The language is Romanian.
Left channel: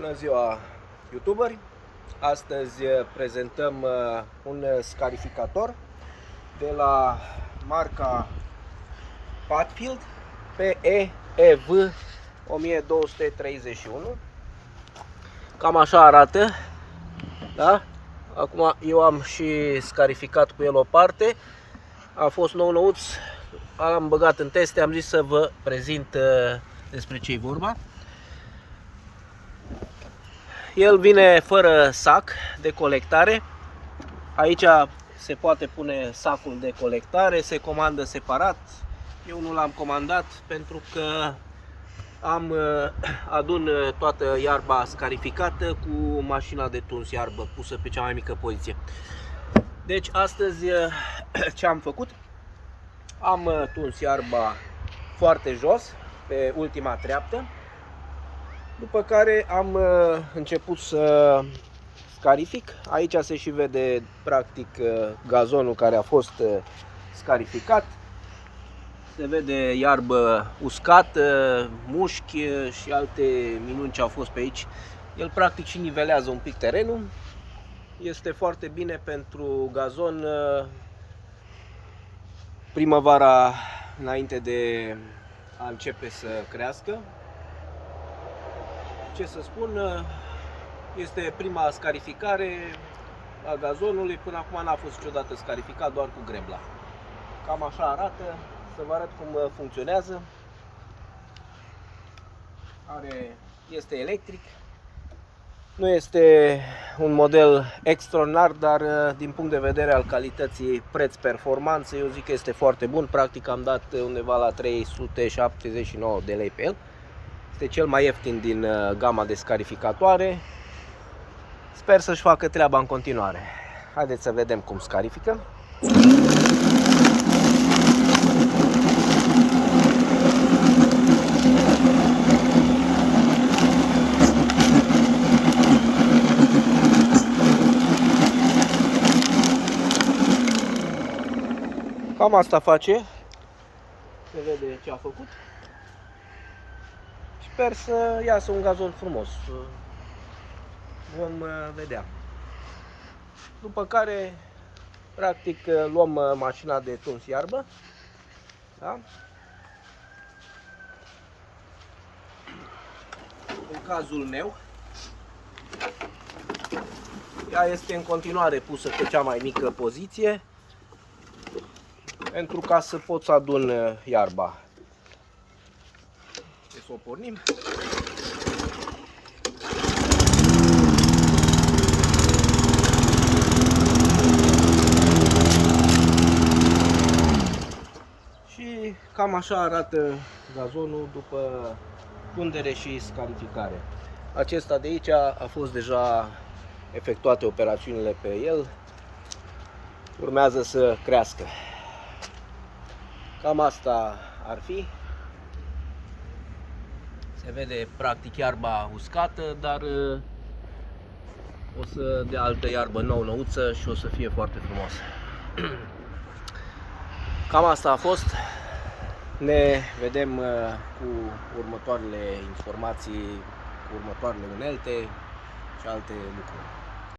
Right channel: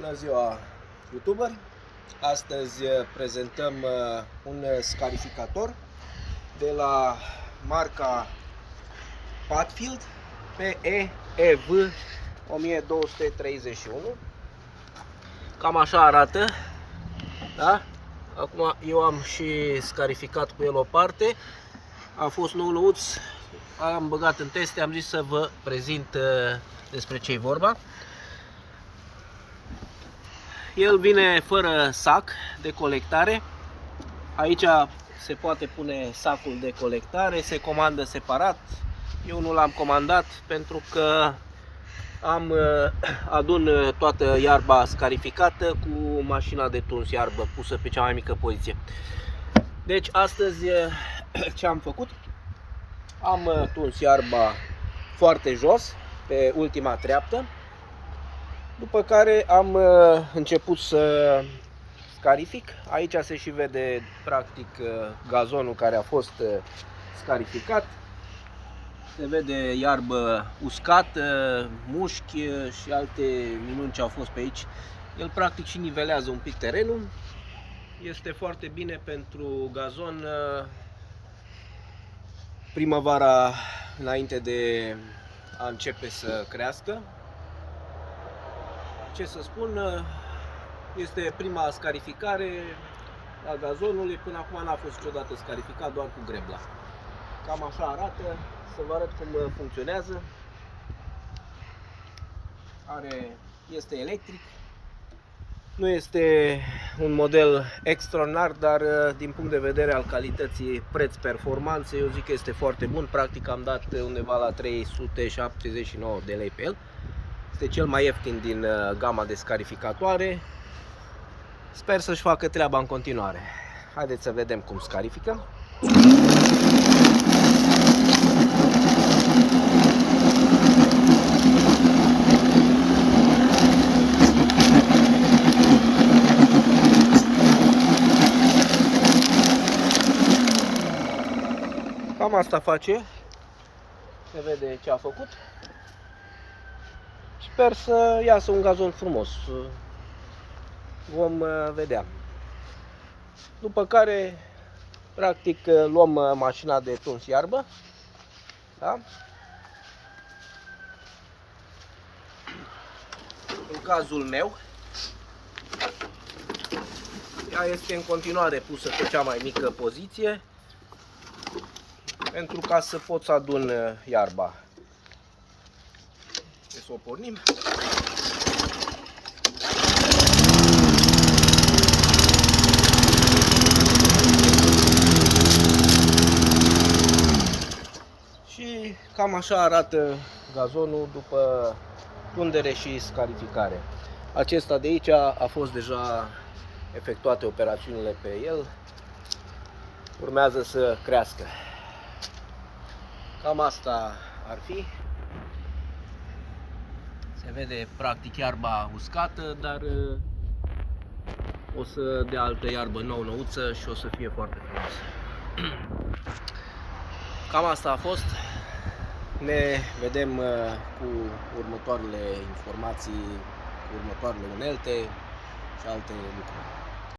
Bună ziua, youtuberi! Astăzi prezentăm un scarificator de la marca Padfield PE-EV 1231. Cam așa arată, da? Acum eu am și scarificat cu el o parte. A fost nou-nouț, am băgat în teste, am zis să vă prezint despre ce-i vorba. El vine fără sac de colectare. Aici se poate pune sacul de colectare, se comandă separat. Eu nu l-am comandat pentru că adun toată iarba scarificată cu mașina de tuns iarbă pusă pe cea mai mică poziție. Deci astăzi ce am făcut? Am tuns iarba foarte jos, pe ultima treaptă. După care am început să scarific. Aici se și vede practic gazonul care a fost scarificat. Se vede iarbă uscată, mușchi și alte minuni ce au fost pe aici. El practic și nivelează un pic terenul. Este foarte bine pentru gazon primăvara înainte de a începe să crească. Ce să spun, este prima scarificare a gazonului, până acum n-a fost niciodată scarificat, doar cu grebla. Cam așa arată, să vă arăt cum funcționează. Este electric, nu este un model extraordinar, dar din punct de vedere al calității preț-performanță, eu zic că este foarte bun. Practic am dat undeva la 379 de lei pe el. Este cel mai ieftin din gama de scarificatoare. Sper să-și facă treaba în continuare. Haideți să vedem cum scarifică. Cam asta face. Se vede ce a făcut. Sper să iasă un gazon frumos. Vom vedea. După care, practic, luăm mașina de tuns iarbă. Da? În cazul meu, ea este în continuare pusă pe cea mai mică poziție, pentru ca să pot să adun iarba. Să o pornim. Și cam așa arată gazonul după tundere și scarificare. Acesta de aici a fost deja efectuate operațiunile pe el. Urmează să crească. Cam asta ar fi. Se vede practic iarba uscată, dar o să dea altă iarbă nou-nouță și o să fie foarte frumoasă. Cam asta a fost. Ne vedem cu următoarele informații, cu următoarele unelte și alte lucruri.